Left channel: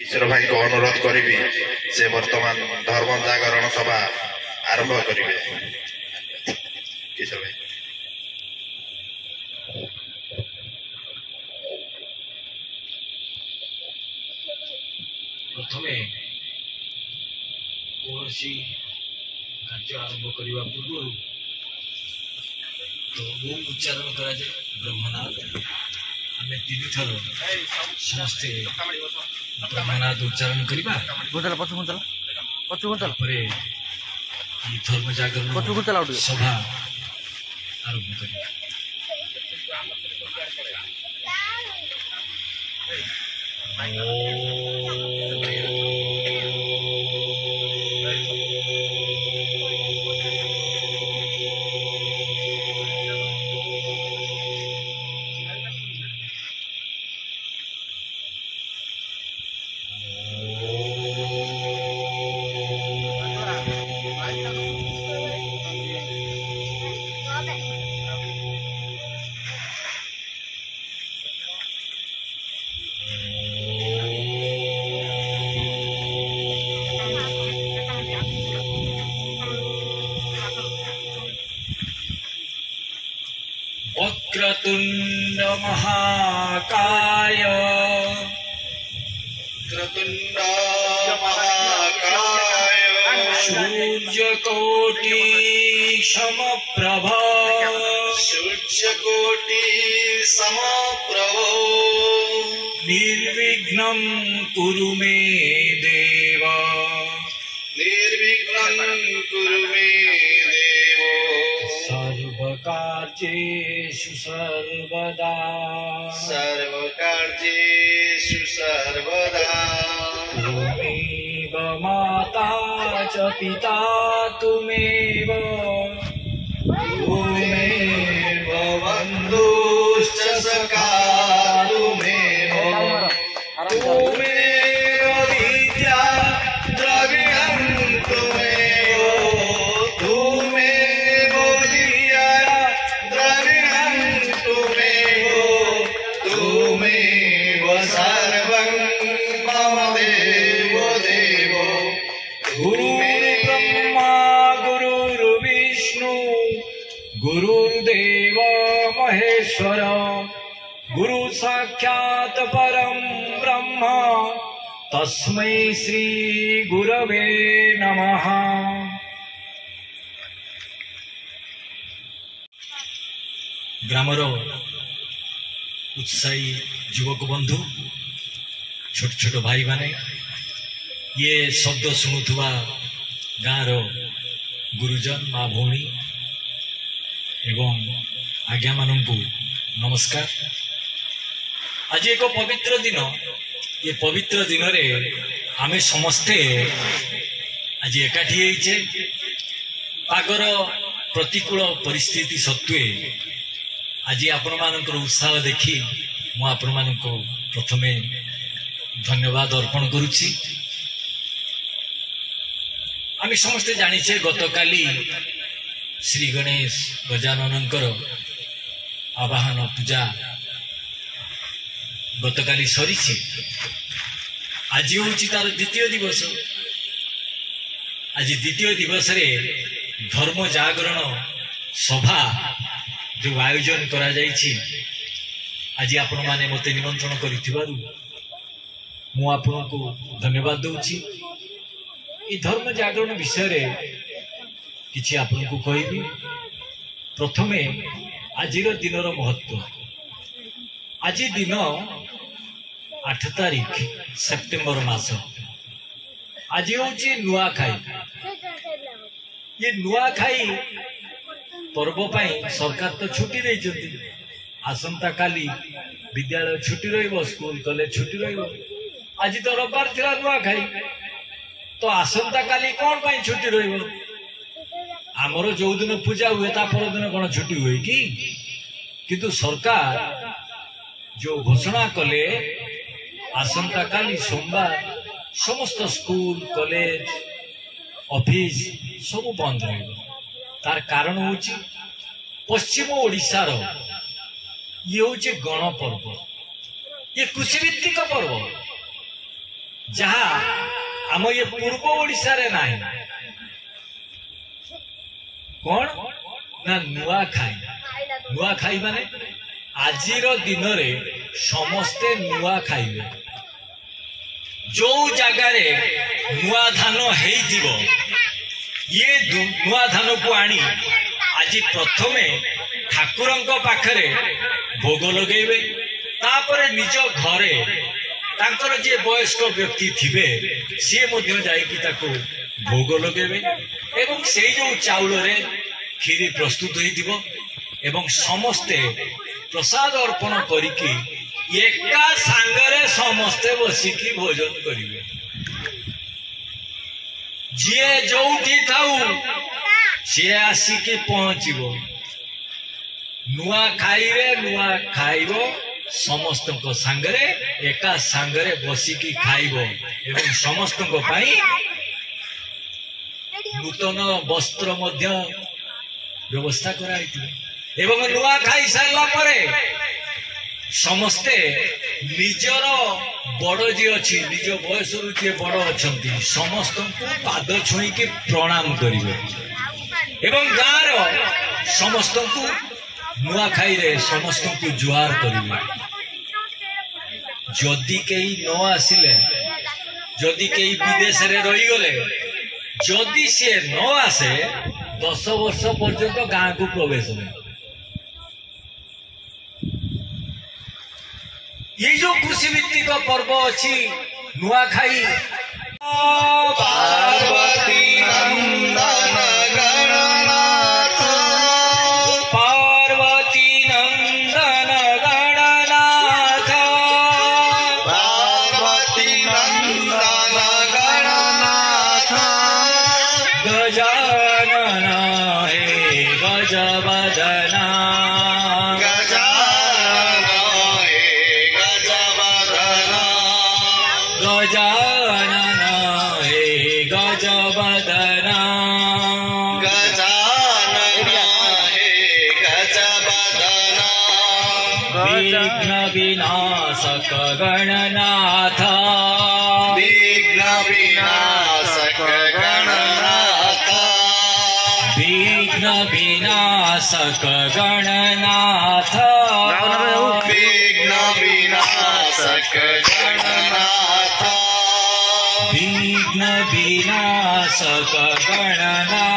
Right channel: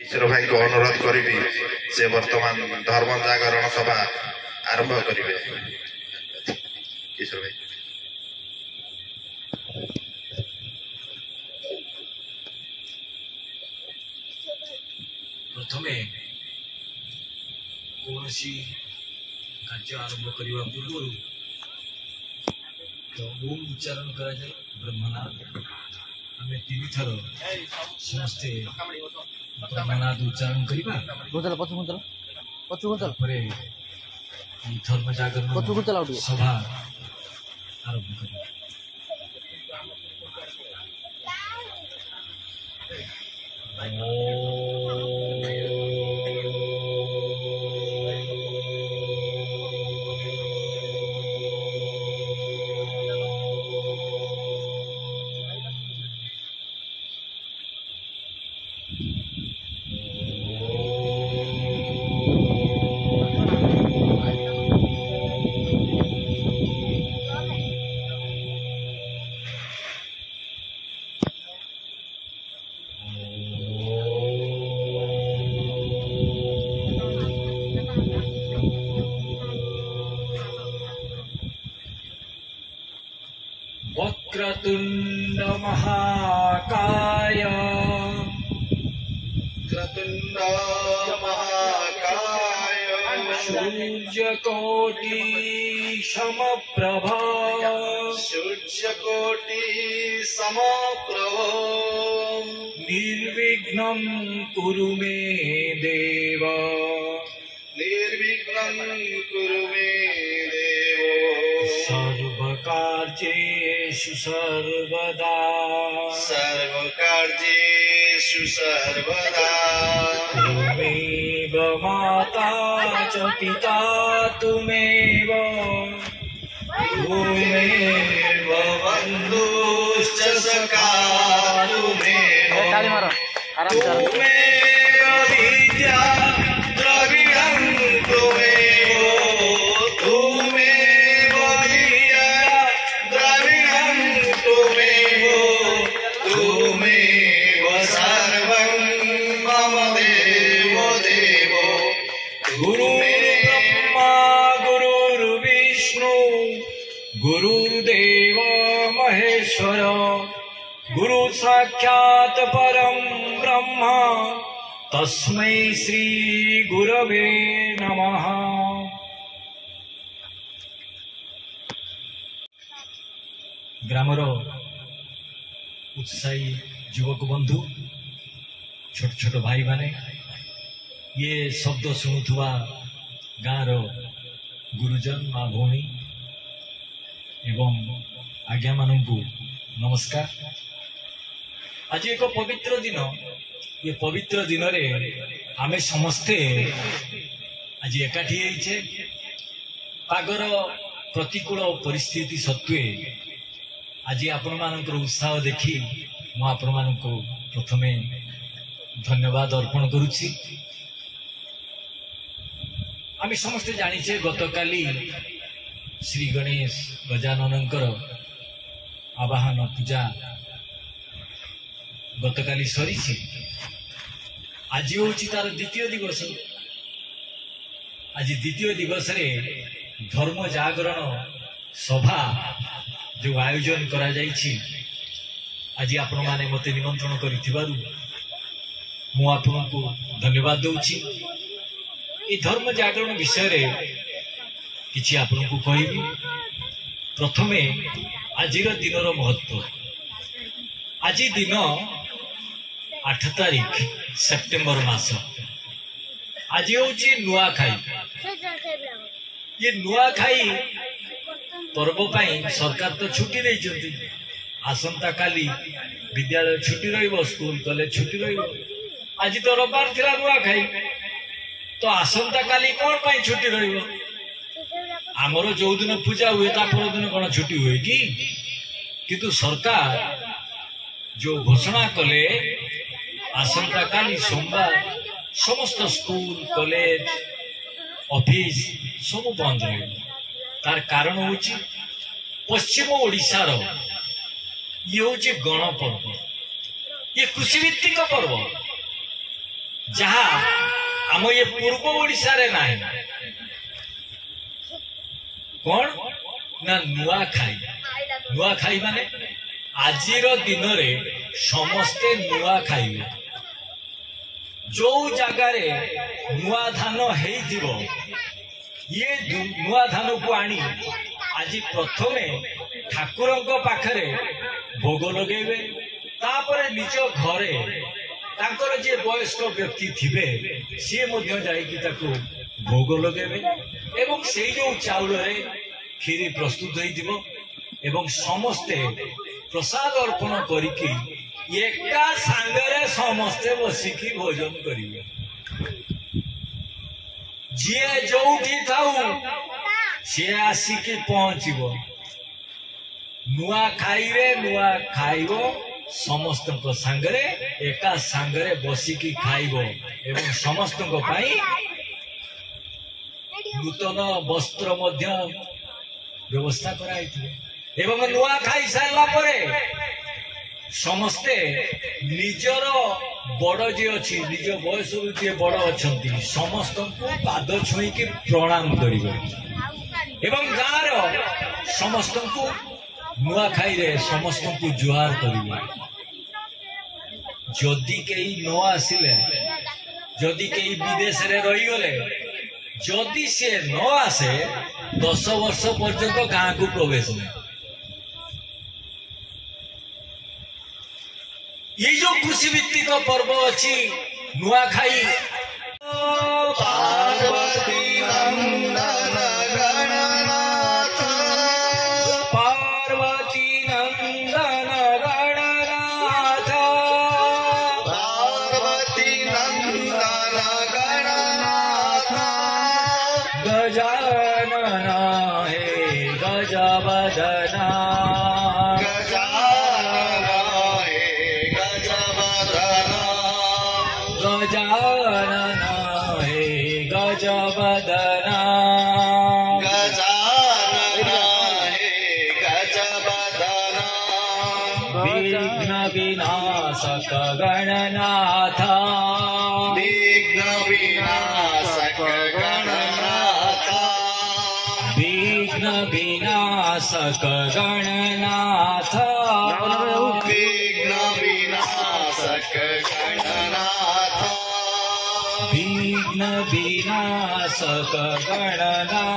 किशोर भाई को अनुरोध करी से वर्तमान धर्म जागरण सभा आरंभ करेंगे। किशोर भाई प्रथमे कौन कार्य आरंभ करने पूर्व तो ओम उच्चारण करा जाए ब्रह्मनाद आम तीन थर समस्ते ब्रह्मनाद उच्चारण करवा धर्म जागरण सभा आरंभ कर वक्रतुंड महाकाय सूर्यकोटि समप्रभा निर्विघ्नं कुरु मे देव सर्वकार्येषु सर्वदा त्वमेव माता च पिता त्वमेव बन्धुश्च सखा त्वमेव विद्या द्रविणं त्वमेव सर्वं मम देवो गुरुर्ब्रह्मा गुरुर्विष्णु गुरुर्देव महेश्वर गुरु साक्षात् परं ब्रह्म तस्मै श्री गुरवे नमः। ग्रामर उत्साही युवक बंधु छोट छोट भाई माने ये शब्द शुणुवा गाँव गुरुजन माँ भौणी एवं आज्ञा मानू नमस्कार। आज एक पवित्र दिन ये पवित्र दिन रे आमे समस्ते आज एकाठी होइछे पागर प्रतिकूल परिस्थिति सत्वे आज आपण मानकर उत्साह देखी मु आपण मानको प्रथमे धन्यवाद अर्पण करुछि। आमे समस्ते जानिछे गतकाली श्री गणेश गजाननकर आवाहन पूजा गतकाली सरीछि। आज होछि तार द्वितीय दिवस। आज द्वितीय दिवस रे धर्म जागरण सभा जो आयोजन करा जाइछि आज आपण माने मते निमंत्रण करिथिबारु मु आपनको धन्यवाद दउछि। ई धर्म जागरण विषय रे किछि आपनको कहिबी। प्रथमे आजिर दिनर महत्व। आज दिन 8 तारीख सेप्टेम्बर मास। आज होछि नुआखाई। ये नुआखाई पर्व पाई सरकार तो छुट्टी देइछन्ति। आसंता काली विद्यालय छुट्टी रहिबो, स्कूल कॉलेज छुट्टी रहिबो। आज तो रविवार थिला नुआखाई तो आसंता काली कोन पाई छुट्टी रहिबो? आमर जो दिन पूजा हुए ता पर दिन कोन छुट्टी हुए कि? किंतु सरकार जो घोषणा कले आसंता काली सोमवार समस्त स्कूल कॉलेज ऑफिस सब बंद रहे। तार कारण होची पश्चिम ओडिशा रो ये होची गण पर्व, ये कृषि भित्तिक पर्व। जहा आम ये पूर्व ओडिशा रे नाही कौन ना नुआ खाई माने आजिर दिन रे समस्ते नुआ खाइबे जो जगार नुआ धान हेइथिबो ये नुआ धान को आनी आज प्रथमे ठाकुरंको पाखरे भोग लगेबे तापर निज घरे तांकर जे वयस्क व्यक्ति थिबे सी मध्य जाइकी ताको भोग लगेबे एवं सेई जो चाउल रे खीरी प्रस्तुत होइथिबो एवं समस्ते प्रसाद अर्पण करिकी एका सांगरे समस्ते बसिकी भोजन करिवे जे जोठी थाउ सी आसिकी पहुंचीबो नुआ खाइबो समस्त सांगरे एका सांगरे बसिकी खाइबो एवं समस्त नूतन वस्त्र मध्य व्यवस्था कराइथिबे एवं नुआ खाई सारला परे समस्ते निजर बड़ जी अच्छी निज बयस जे बड़ अच्छा समस्त पाद छुई की प्रणाम करेंगे एवं गाँव समस्त नुआ खाई रे समस्त को जुहार करेंगे जदि कई न आसिले जदि कई विदेश रे रही गले जदि से न आसे 10 वर्ष पर्यंत गाँ को प्रवेश नहीं ये जो कृषि भित्तिक पर्व अच्छी नुआखाई पार्वती नंदन गणनाथ पार्वती नंदन गणनाथ पार्वती नंदन गणनाथ गजानन हे गजवदना गजानन हे गजवदना विघ्न विनाशक गणनाथ विघ्न विनाशक गणनाथ विघ्न विनाशक गणनाथ विघ्न विनाशक गणनाथ विघ्न विनाशक गणनाथ